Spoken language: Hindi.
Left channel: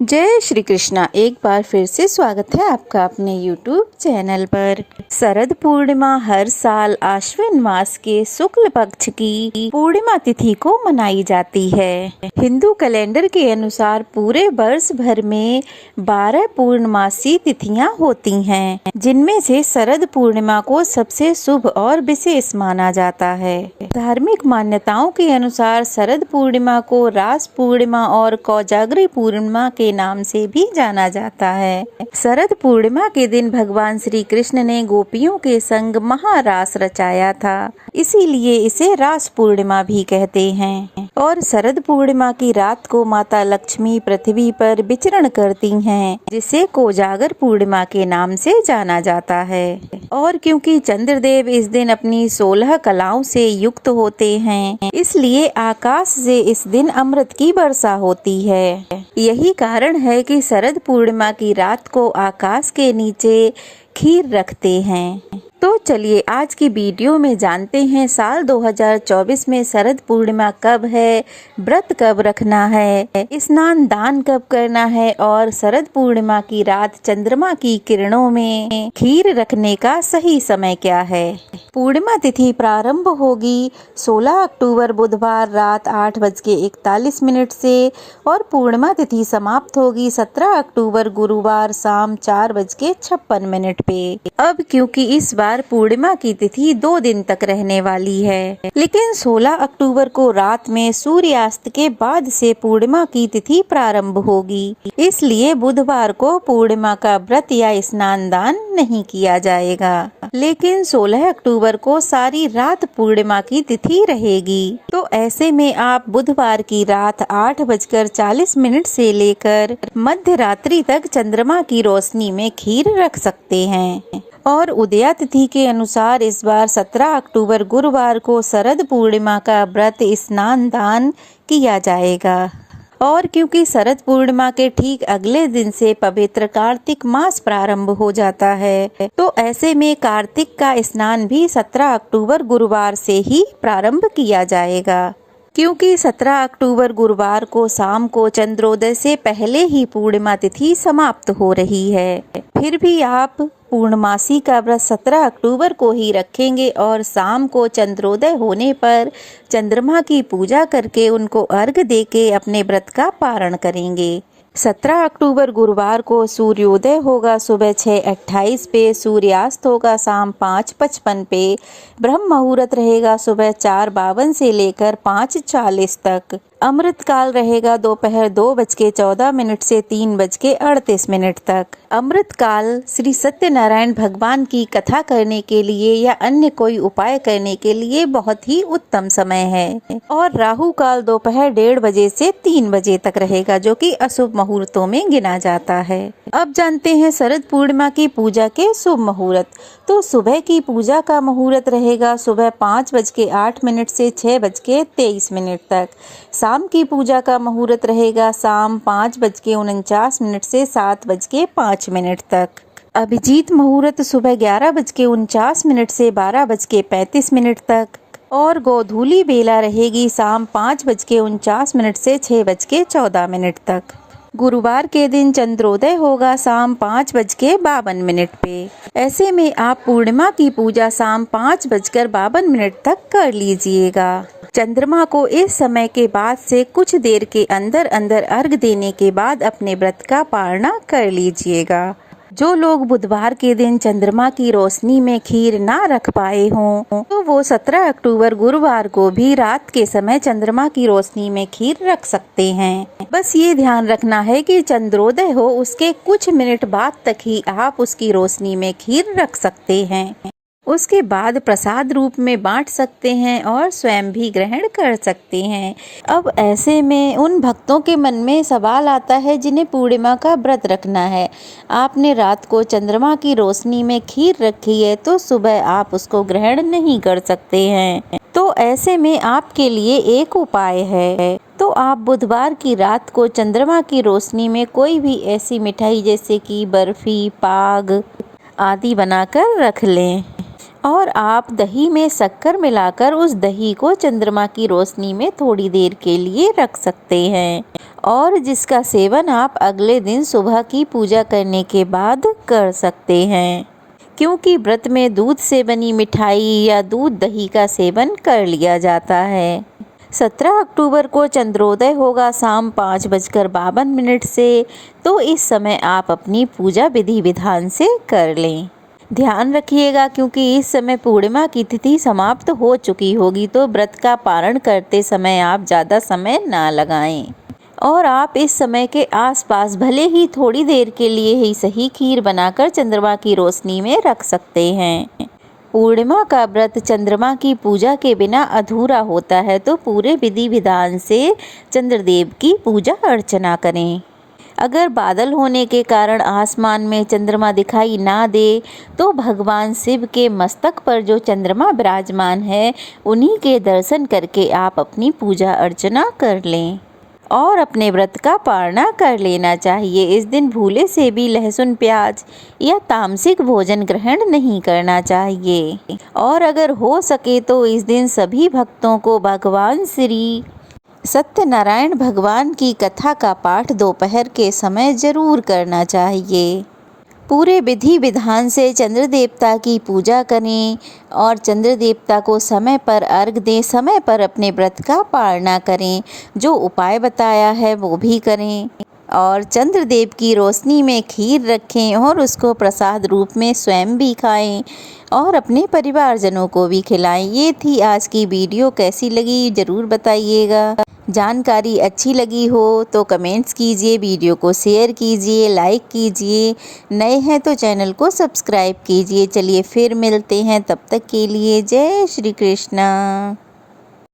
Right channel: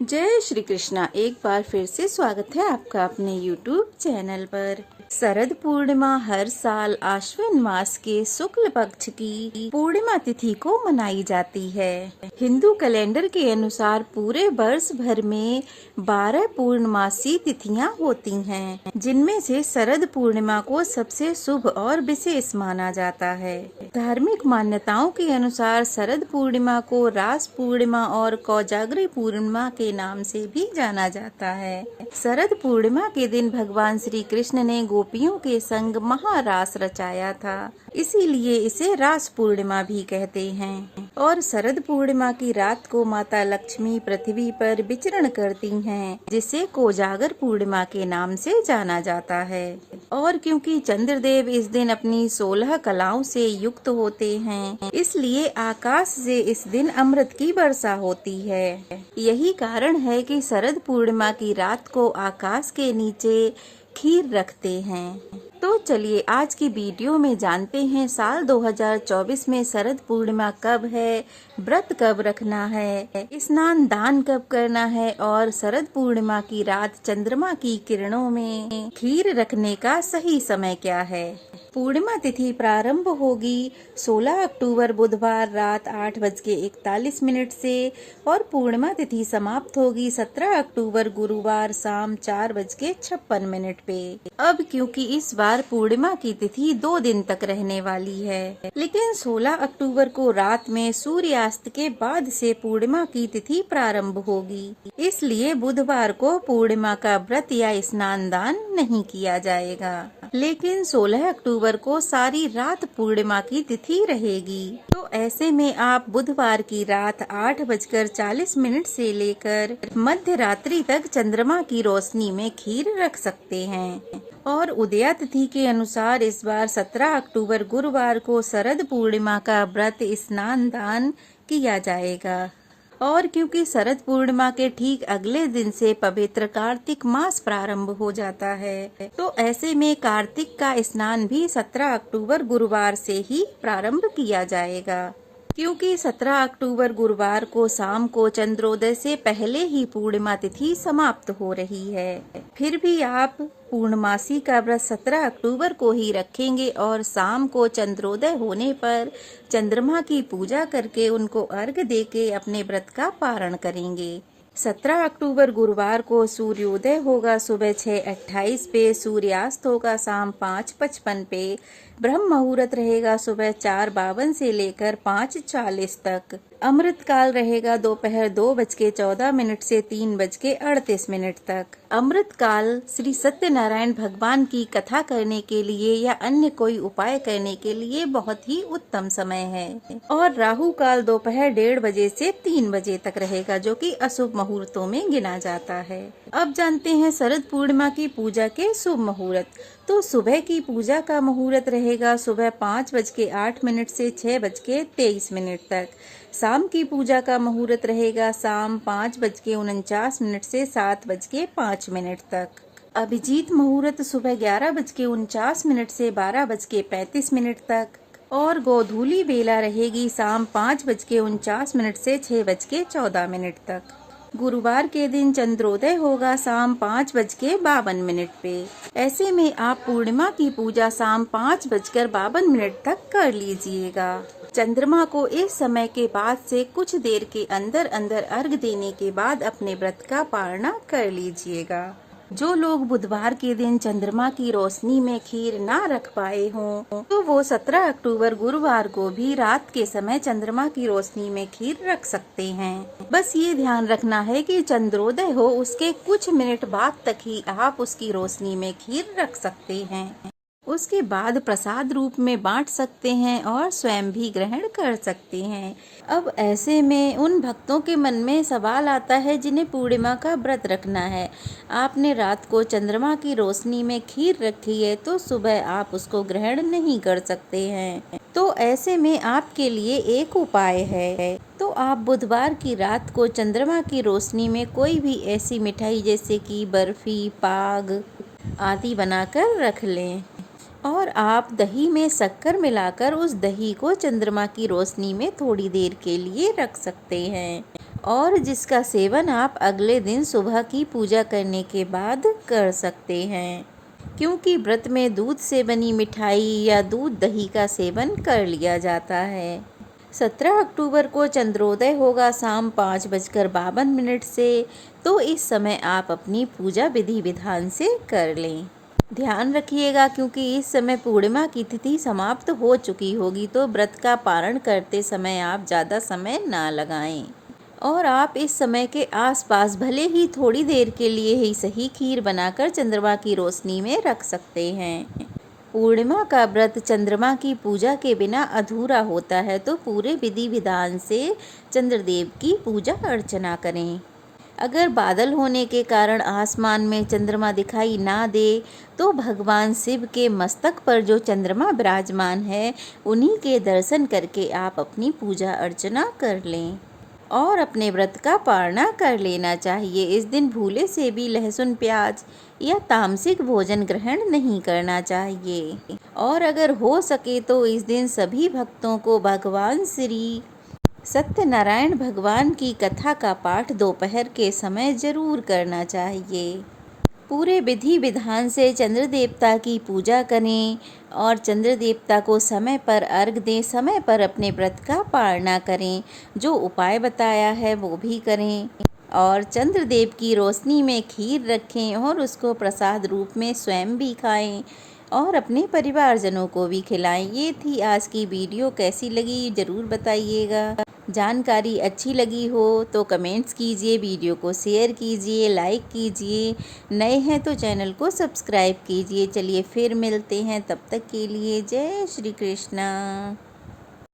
जय श्री कृष्णा। एक बार फिर से स्वागत है आपका अपने YouTube चैनल पर। शरद पूर्णिमा हर साल आश्विन मास के शुक्ल पक्ष की पूर्णिमा तिथि को मनाई जाती है। हिंदू कैलेंडर के अनुसार पूरे वर्ष भर में 12 पूर्णमासी तिथियां होती हैं, जिनमें से शरद पूर्णिमा को सबसे शुभ और विशेष माना जाता है। धार्मिक मान्यताओं के अनुसार शरद पूर्णिमा को रास पूर्णिमा और कोजागरी पूर्णिमा के नाम से भी जाना जाता है। शरद पूर्णिमा के दिन भगवान श्री कृष्ण ने गोपियों के संग महारास रचाया था, इसीलिए इसे रास पूर्णिमा भी कहते हैं। और शरद पूर्णिमा की रात को माता लक्ष्मी पृथ्वी पर विचरण करती हैं, जिसे कोजागर पूर्णिमा के नाम से जाना जाता है। और क्योंकि चंद्रदेव इस दिन अपनी 16 कलाओं से युक्त होते हैं, इसलिए आकाश से इस दिन अमृत की वर्षा होती है। यही कारण है कि शरद पूर्णिमा की रात को आकाश के नीचे खीर रखते हैं। तो चलिए आज की वीडियो में जानते हैं साल 2024 में शरद पूर्णिमा कब है, व्रत कब रखना है, स्नान दान कब करना है और शरद पूर्णिमा की रात चंद्रमा की किरणों में खीर रखने का सही समय क्या है। पूर्णिमा तिथि प्रारंभ होगी 16 अक्टूबर बुधवार रात 8:41 से और पूर्णिमा तिथि समाप्त होगी 17 अक्टूबर गुरुवार शाम 4:56 पे। अब क्योंकि इस बार पूर्णिमा की तिथि 2 दिन तक रहने वाली है, लेकिन 16 अक्टूबर को रात में सूर्यास्त के बाद से पूर्णिमा की तिथि प्रारंभ होगी, इसलिए बुधवार को पूर्णिमा का व्रत या स्नान दान नहीं किया जाएगा। लेकिन 16 अक्टूबर को सारी रात पूर्णिमा की तिथि रहेगी, तो ऐसे में आप बुधवार की रात 8:40 से लेकर मध्य रात्रि तक चंद्रमा की रोशनी में खीर रख सकते हैं। और उदया तिथि के अनुसार इस बार 17 अक्टूबर गुरुवार को शरद पूर्णिमा का व्रत स्नान दान किया जाएगा। और क्योंकि शरद पूर्णिमा के ठीक अगले दिन से पवित्र कार्तिक मास प्रारंभ हो जाता है, तो ऐसे में कार्तिक का स्नान भी 17 अक्टूबर गुरुवार से ही प्रारंभ किया जाएगा। क्योंकि 17 अक्टूबर गुरुवार को शाम को चंद्रोदय से पहले ही पूर्णिमा तिथि समाप्त हो रही है, फिर भी आप पूर्णमासी का व्रत 17 अक्टूबर को ही रखेंगे और शाम को चंद्रोदय होने पर चंद्रमा की पूजा करके उनको अर्घ देके अपने व्रत का पारण करेंगे। 17 अक्टूबर गुरुवार को सूर्योदय होगा सुबह 6:28 पे, सूर्यास्त होगा शाम 5:55 पे, ब्रह्म मुहूर्त रहेगा सुबह 4:52 से लेकर 5:40 तक, अमृत काल रहेगा दोपहर 2:14 से 3:38 तक। अमृत काल श्री सत्यनारायण भगवान की कथा करने के लिए या अन्य कोई उपाय करने के लिए बहुत ही उत्तम समय है। और राहु काल दोपहर 1:30 बजे से 3 बजे तक रहेगा, जो कि अशुभ मुहूर्तों में गिना जाता है। अब जानते हैं शरद पूर्णिमा की पूजा के शुभ मुहूर्त। तो सुबह की पूजा का मुहूर्त रहेगा सुबह 5:08 से 6:23 तक। शाम की पूजा का मुहूर्त रहेगा शाम 5:49 से 7:05 तक। अभिजीत मुहूर्त सुबह 11:49 से 12:35 तक। और गोधूली बेला रहेगी शाम 5:49 से 6:14 तक। गुरुवार के दिन चंद्रोदय होगा शाम 5:52 पे। ऐसे में आप पूर्णिमा की पूजा शाम 5:52 तक कर लीजिएगा। चंद्रमा को इस समय के बाद से कुछ देर के अंदर अंदर अर्घ देने के बाद अपने व्रत का पारणा कर लीजिएगा। जो लोग बुधवार के दिन चंद्रमा की रोशनी में खीर ना रख पाए हों, तो वो 17 अक्टूबर गुरुवार को भी रात के समय चंद्रमा की रोशनी में खीर रख सकते हैं। बस ये ध्यान रखना है कि चंद्रोदय हो उसके कुछ मिनट बाद तक ही आप उसकी रोशनी में खीर रख सकते हैं। उसके बाद प्रसाद रूप में बांट सकते हैं और स्वयं भी ग्रहण कर सकते हैं। अब ऐसे में उन भक्तों के मन में सवाल आता है जिन्हें पूर्णिमा का व्रत रखना है। आपने रात को चंद्रमा की रोशनी में खीर रखी है, तो सुबह आप उसको ग्रहण नहीं कर सकते हैं। तो ऐसे में आपके लिए एक उपाय है। तो आप बुधवार की रात को चंद्रमा की रोशनी में कोई भी ऐसी मिठाई जैसे कि बर्फी, पाग आदि बनाकर रख लें। और आप दही में शक्कर मिलाकर उस दही को चंद्रमा की रोशनी में थोड़ी देर के लिए रख सकते हैं और जिसका सेवन आप अगले दिन सुबह की पूजा करने के बाद कर सकते हैं, क्योंकि व्रत में दूध से बनी मिठाई या दूध दही का सेवन कर लिया जाता है। 17 अक्टूबर को चंद्रोदय होगा शाम 5:52 से, तो इस समय आप अपनी पूजा विधि विधान से कर लें। ध्यान रखिएगा, क्योंकि इस समय पूर्णिमा की तिथि समाप्त हो चुकी होगी, तो व्रत का पारण करते समय आप ज़्यादा समय ना लगाएं और आप इस समय के आसपास भले ही थोड़ी देर के लिए ही सही खीर बनाकर चंद्रमा की रोशनी में रख सकते हैं। पूर्णिमा का व्रत चंद्रमा की पूजा के बिना अधूरा होता है, तो पूरे विधि विधान से चंद्रदेव की पूजा अर्चना करें। अगर बादल होने के कारण आसमान में चंद्रमा दिखाई ना दे, तो भगवान शिव के मस्तक पर जो चंद्रमा विराजमान है, उन्हीं के दर्शन करके आप अपनी पूजा अर्चना कर लें और अपने व्रत का पारणा कर लेना चाहिए। इस दिन भूले से भी लहसुन प्याज या तामसिक भोजन ग्रहण नहीं करना चाहिए और अगर हो सके तो इस दिन सभी भक्तों को भगवान श्री सत्यनारायण भगवान की कथा का पाठ दोपहर के समय जरूर करना चाहिए। पूरे विधि विधान से चंद्र देवता की पूजा करें और चंद्र देवता को समय पर अर्घ दें, समय पर अपने व्रत का पालना करें, जो उपाय बताया है वो भी करें और चंद्रदेव की रोशनी में खीर रखें और उसको प्रसाद रूप में स्वयं भी खाएं और अपने परिवारजनों को भी खिलाएं। ये थी आज की वीडियो, कैसी लगी ज़रूर बताइएगा। जानकारी अच्छी लगी हो तो कमेंट्स कीजिए, वीडियो को शेयर कीजिए, लाइक कीजिए, नए हैं तो चैनल को सब्सक्राइब कीजिए। चलिए फिर मिलते हैं, तब तक के लिए जय श्री कृष्णा।